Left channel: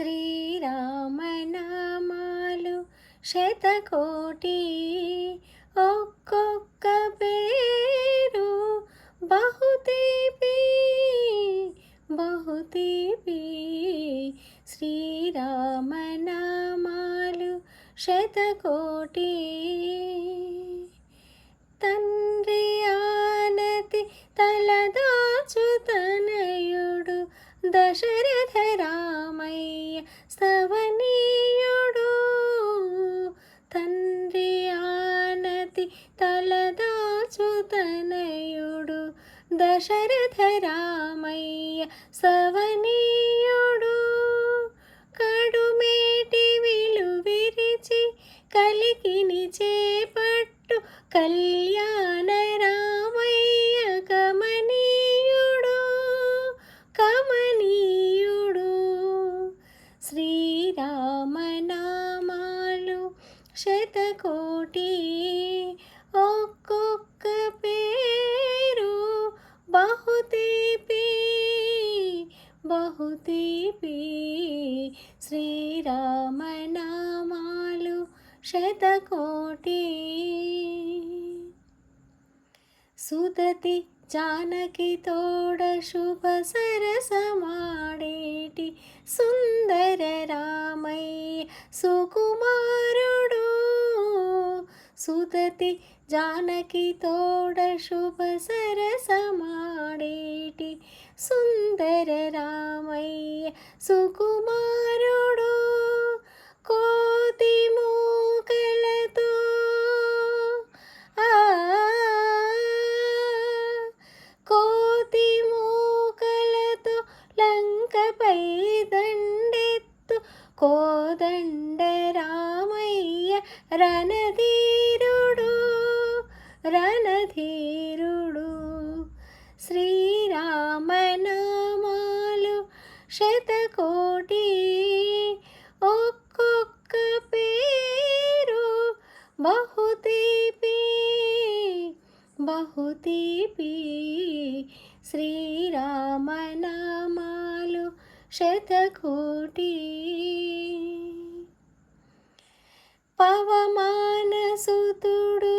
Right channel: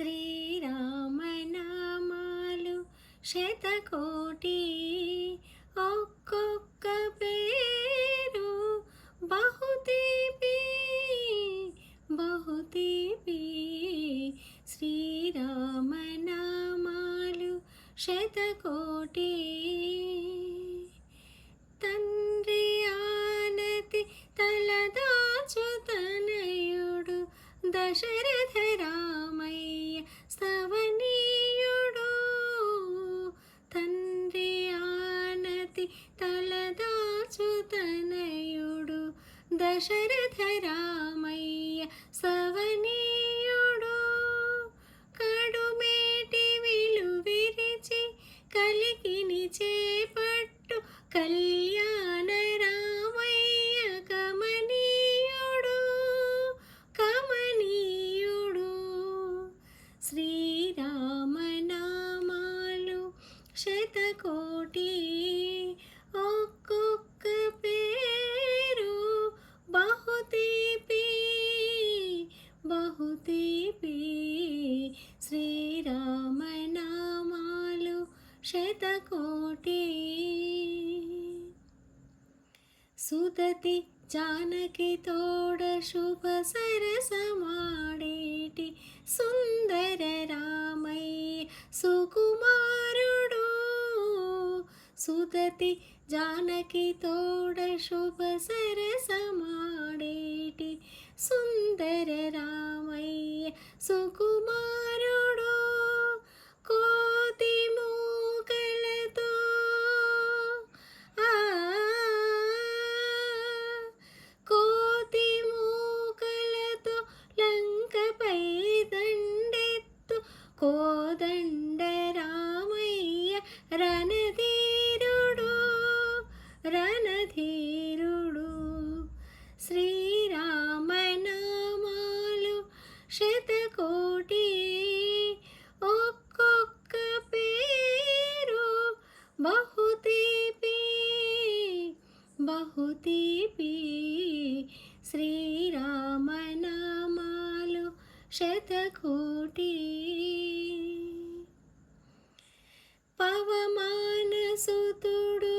శ్రీరామనామాలు శతకోటి, ఒక్కొక్క పేరు బహుతీపి బహుతీపి. శ్రీరామనామాలు శతకోటి. తండ్రి ఆనతి తలదాచుతనయుడు దశరథ రామయ్య స్తవనీయుడు. తండ్రి ఆనతి తలదాచుతనయుడు దశరథ రామయ్య స్తవనీయుడు. కడుమేటి విలు విరిచి కలికిని చేపట్టు కళ్యాణ రామయ్య కమనీయుడు కమనీయుడు. శ్రీరామనామాలు శతకోటి, ఒక్కొక్క పేరు బహుతీపి బహుతీపి. శ్రీరామనామాలు శతకోటి. సుదతి జానకి తోడ శుభ సరసమాడేటి సుందర రామయ్య సుకుమారుడు. సుదతి జానకి తోడ శుభ సరసమాడేటి సుందర రామయ్య సుకుమారుడు. కోతి మూకలతో కోతి మూకలతో లంకపై దండెత్తు కోదండ రామయ్య రణధీరుడు రణధీరుడు. శ్రీరామనామాలు శతకోటి, ఒక్కొక్క పేరు బహుతీపి బహుతీపి. శ్రీరామనామాలు శతకోటి. పవమానసుతుడు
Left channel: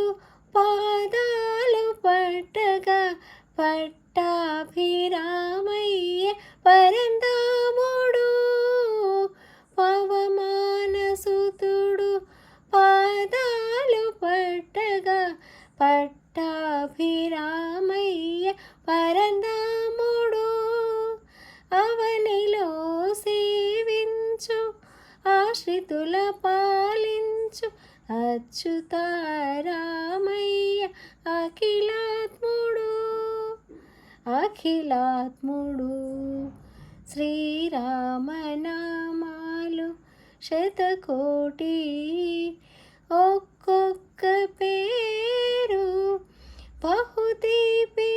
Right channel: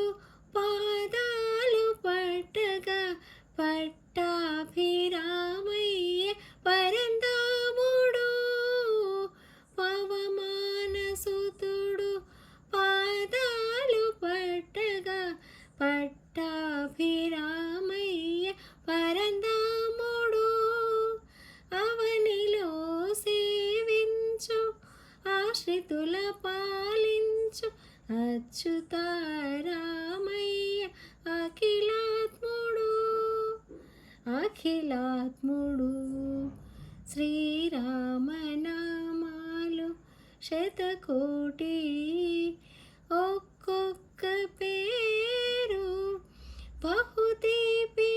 పాదాలు పట్టగా పట్టాభిరామయ్య పరంధాముడు. పవమానసుతుడు పాదాలు పట్టగా పట్టాభిరామయ్య పరంధాముడు. అవనిలో సేవించు ఆశ్రితుల పాలించు అచ్యుతారామయ్య అఖిలాత్ముడు అఖిలాత్ముడు. శ్రీరామనామాలు శతకోటి, ఒక్కొక్క పేరు బహుతీపి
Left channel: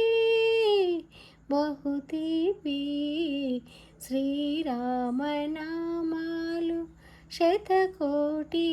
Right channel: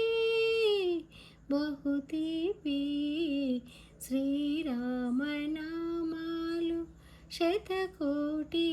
బహుతీపి. శ్రీరామనామాలు శతకోటి.